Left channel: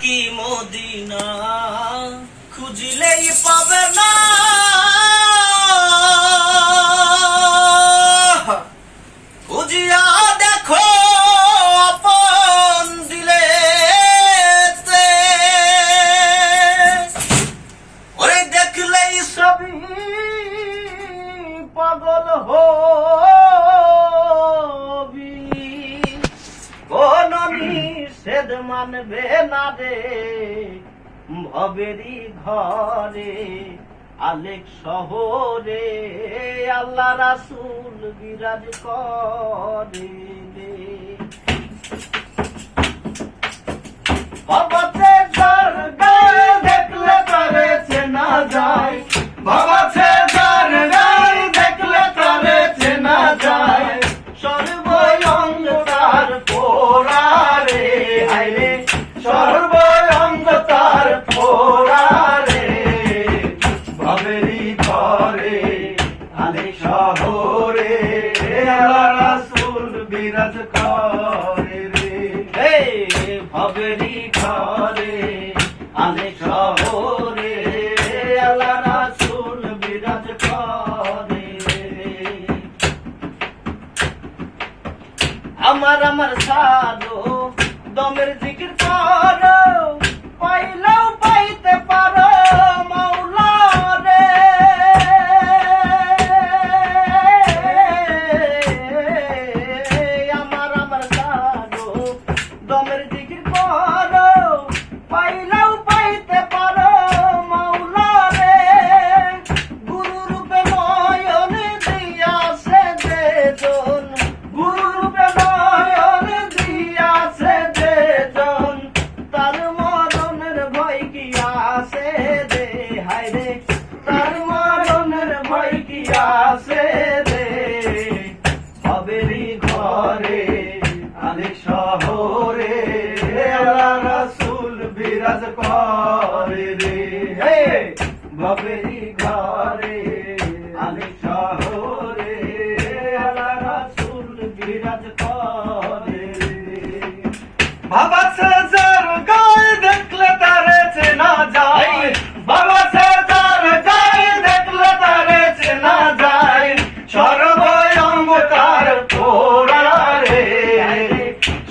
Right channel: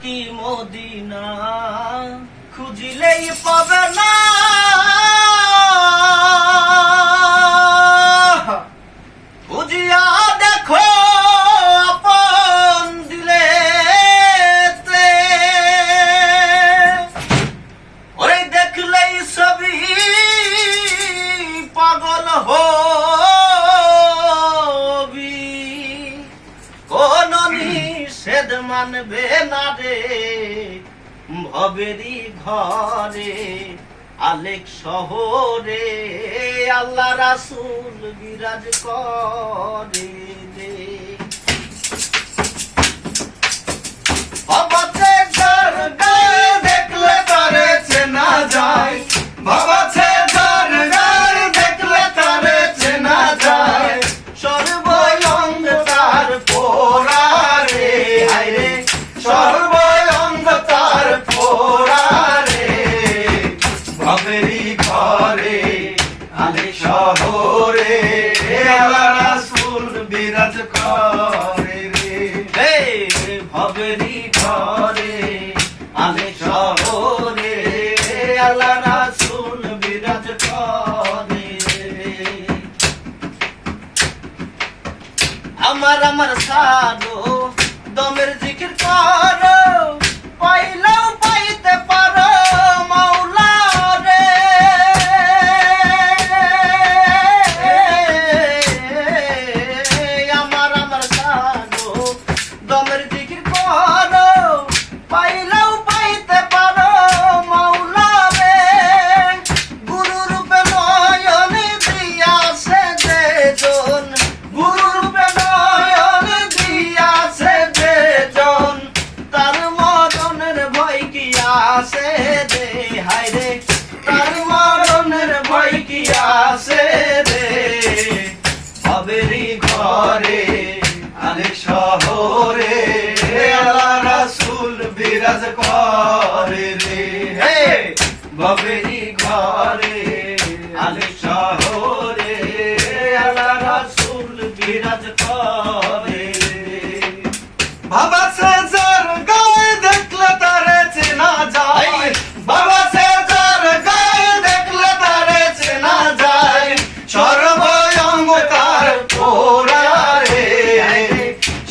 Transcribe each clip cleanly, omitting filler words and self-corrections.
থাকি মদিনা খুঁজিলেই পাবে না, খুঁজিয়া দেখো আপন দিলে ওরে দেখলেই সবই পাগল হবি, কোন নিষেধ মানবে না রে ভবেরি ঘরে আলেক শহরে আল্লাহ রাসূল বিরাজ করে রে। বাবাতে যার গায়ে দেখলে তারে চেনা যায়, বাবাতে যার গায়ে দেখলে তারে চেনা যায়, সর্বঙ্গ তার পোড়া রে হায়রে, সর্বঙ্গ তার পোড়া রে ভবেরি ঘরে আলে শহরে আল্লাহ রাসূল বিরাজ করে রে। হে ভবেরি ঘরে আলে শহরে আল্লাহ রাসূল বিরাজ করে রে। আমার সাধু দমের জিকির করো, পাইলেও পাইতে পারো মাওলা রে। আমার সাধু দমের জিকির করো, পাইলেও পাইতে পারো মাওলা রে। গুরু রূপে নয়নে দিয়াছে যেজন, গুরু রূপে নয়নে দিয়াছে যেজন, তার মরণের ভয় কি আছে রে হায়রে, তার মরণের ভয় কি আছে রে ভবেরি ঘরে আলেক শহরে আল্লাহ রাসূল বিরাজ করে রে। হে ভবেরি ঘরে আলেক শহরে আল্লাহ রাসূল বিরাজ করে রে। বাবা সে যার গায়ে দেখলে তারে চেনা যায়, বাবা সে যার গায়ে দেখলে তারে চেনা যায়, সর্বঙ্গ তার পোড়া রে,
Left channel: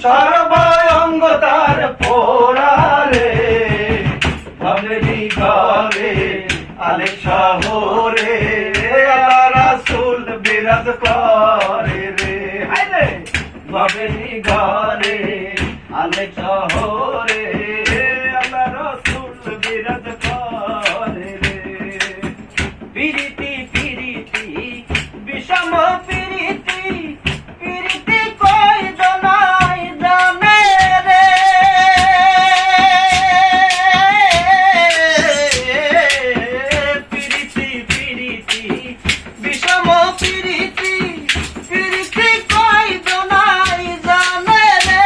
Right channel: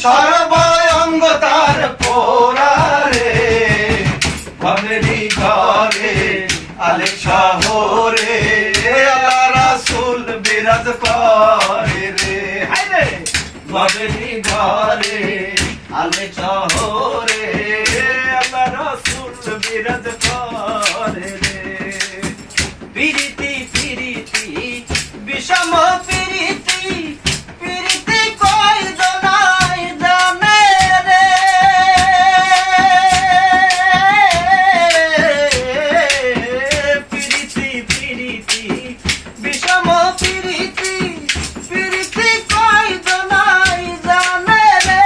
সর্বঙ্গ তার পোড়া রে ভবেরি ঘরে আলেক শহরে আল্লাহ রাসূল বিরাজ করে রে। হায়রে ভবেরি ঘরে আলেক শহরে আল্লাহ রাসূল বিরাজ করে রে। পিরিতি পিরিতি বিষম পিরিতি, পিরিতি কই দনাই জানে রে। পিরিতি পিরিতি বিষম পিরিতি, পিরিতি কই দনাই জানে রে।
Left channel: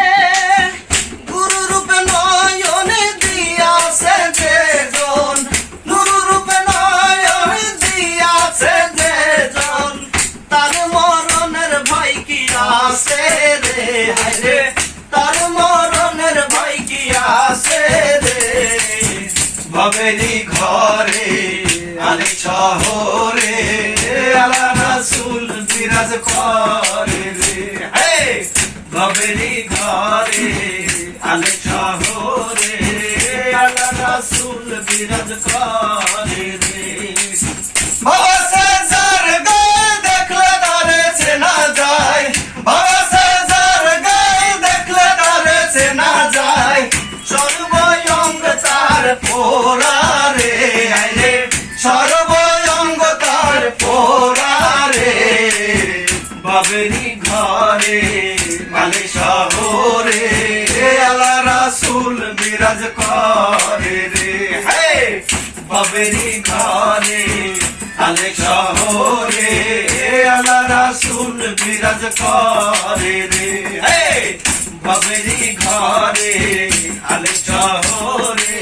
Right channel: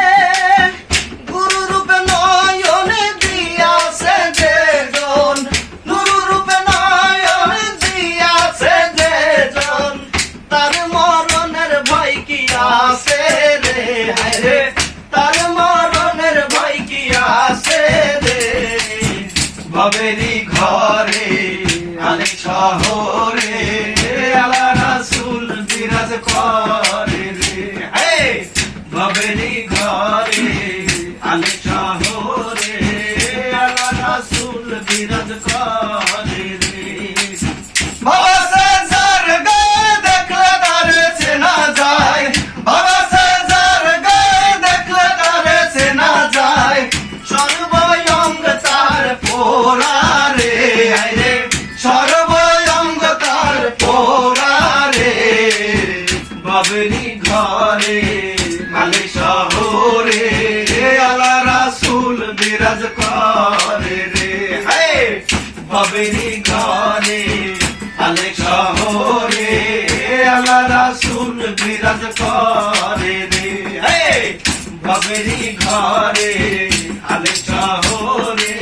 গুরু রূপে নয়নে দিয়াছে যেজন, গুরু রূপে নয়নে দিয়াছে যেজন, তার মরণের ভয় কি আছে রে হায়রে, তার মরণের ভয় কি আছে রে ভবেরি ঘরে আলেক শহরে আল্লাহ রাসূল বিরাজ করে রে। হে ভবেরি ঘরে আলেক শহরে আল্লাহ রাসূল বিরাজ করে রে। বাবা সে যার গায়ে দেখলে তারে চেনা যায়, বাবা সে যার গায়ে দেখলে তারে চেনা যায়, সর্বঙ্গ তার পোড়া রে হায়রে, সর্বঙ্গ তার পোড়া রে ভবেরি ঘরে আলেক শহরে আল্লাহ রাসূল বিরাজ করে রে। হে ভবেরি ঘরে আলেক শহরে আল্লাহ রাসূল বিরাজ করে রে। হে ভবেরি ঘরে আলেক শহরে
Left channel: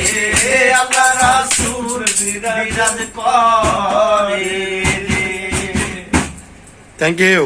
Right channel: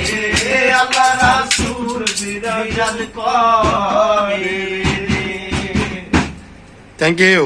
আল্লাহ রাসূল বিরাজ করে রে। Thank you.